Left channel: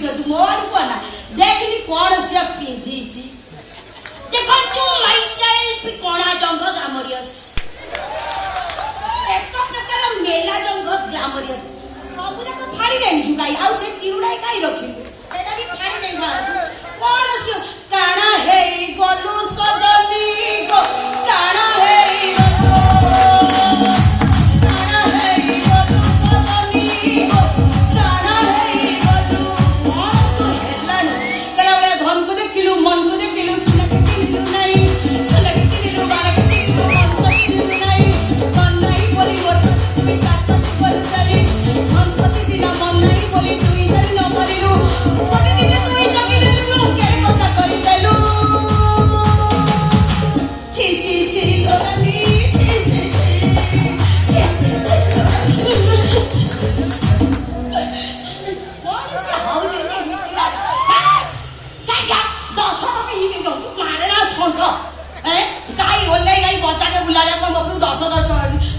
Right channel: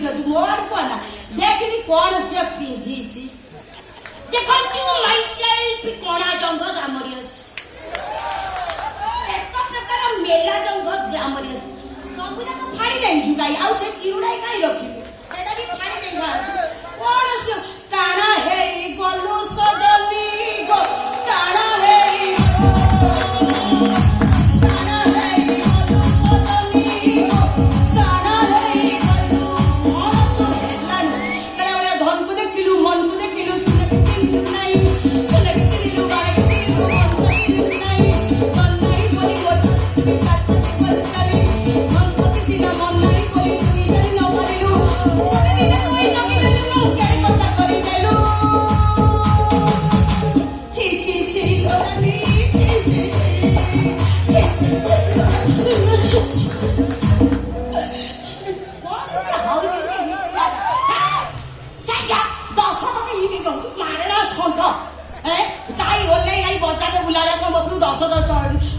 बुझु मोर को ना देखनी कोन से पिंधी छी देखो तू माय सेल्फ कोना जंग ग्लैमरियस एक प्रकार मेला जंग ग्लैमरियस सब जाक फाड़ी देनी जुगाई आ से चिरुडा काई रखी एटा भी फाड़ी देई भा कोन से काना हे गलु सजनी गो काना हे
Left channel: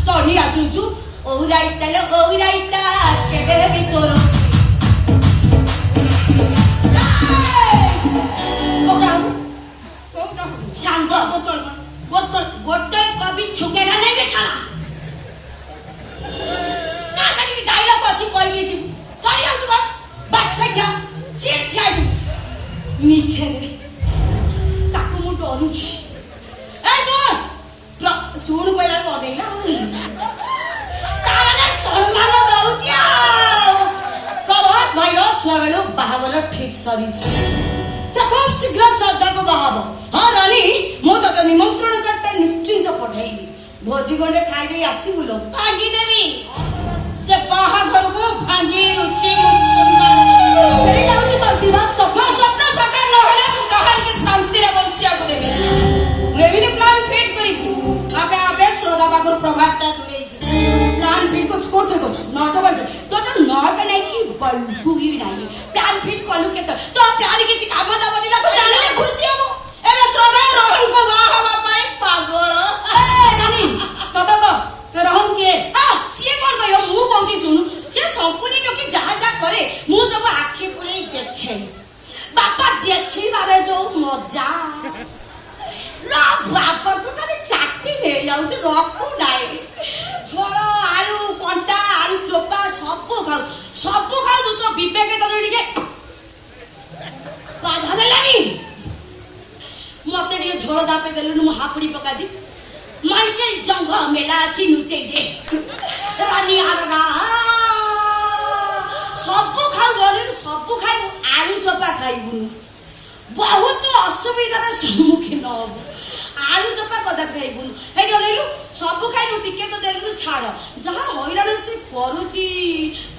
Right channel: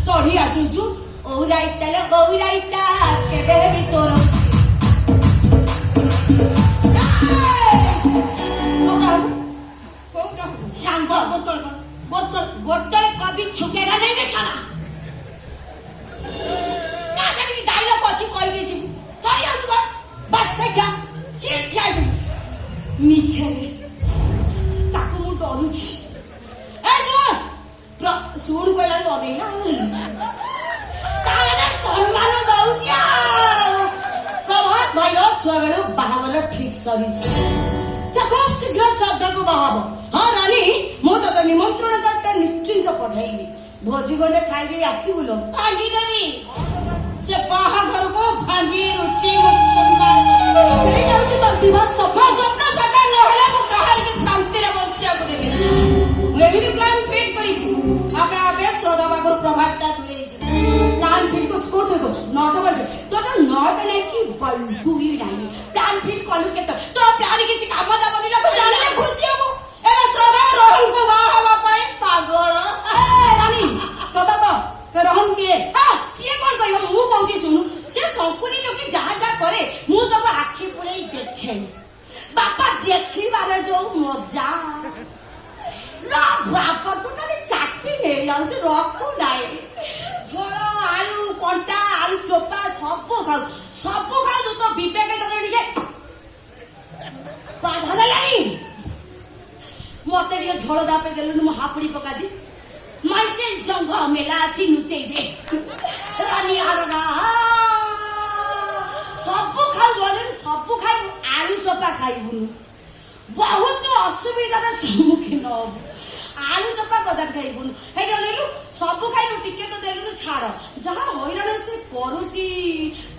चढ़ी आसुचु ओहिराइता केबे भी तोर सांग गोटे कभी छुकेगा नहीं बे साला ना सकी डायलॉग अछि कहि देछि तरी आउ तू बस सजा सिर थिया दू नीचे ताकू मु डरुछि ए सुन कोइला बनेला ताने सम्मान दउछि प्रभात भाइरो छुआ बेलु बाहागर ठीक सरिछि से खूब शीघ्र श्रद्धा को बाहाब हां रानी मो तो निमंत्रण करता निश्चिंत पठाइबी भोजी गंडे खाइ दे आसी बुलो भांगी देबी से बाहागर को भांगी रुचि सेई लाउछि तो दिवस स्वप्न साकार न होले मु कहर के शांति रे बंचिया को देबी वेबिनी प्लान फिट करी छी आपे श्रद्धा बागर प्रभातटा दूरे छी प्लान फिट को छोटे को 9 बजे तो 9 नहीं की बल्टू ही नहीं प्लान फिट कलु के तो प्यार के काम दा बनिला को जाने खुशी हो एबे श्रद्धा रोहन को बा हवा पाई पागल रानी श्रद्धा से रोहन के हां सिए कोन कहियो मु कहूची सुन से संपूर्ण लोके जहा जा करे मु सब आखी पुरे देखे बापा देखी बारे जो मजा ना बापा टोटली चाटी ने जाउछ रखू नाही झोଳ आलू कंटा आलू चोपा सब खाऊ तो विवेक टिके बाधा देलानी मते रे झोଳ दापे देलु मु हापुड़ी पका दी माइसे जंग मेला अछि नुचे दे रानी आरगा सब खाऊ आलू चोपा खाइबु बहुत असुविधा रे सम्मुखीन होबु आलू चोपा कदा खाइबु हे डलेलु सब खाइलु टिके तो देलु छाड़ जहा होइराले से करूची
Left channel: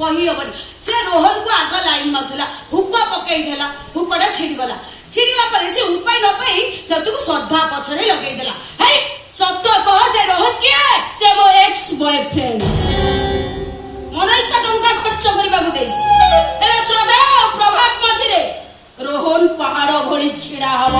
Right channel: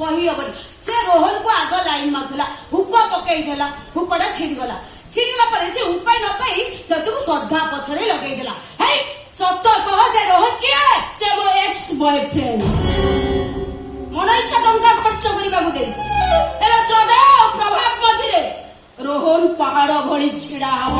कहि हबनी से रोहन को आग लाइन मारथला हुक पकई देला हुकडा छिड़ीला परे से उपाय न पाई सतु श्रद्धा पछरे लगई देला हे सत्य कह जे रोहन के से मो एक्स बॉयफ्रेंड मन इच्छा टंका खर्च करबा को देछि एबे श्रद्धा प्रभात मझिरे रोहन पहाड़ भଳି छिड़ा हो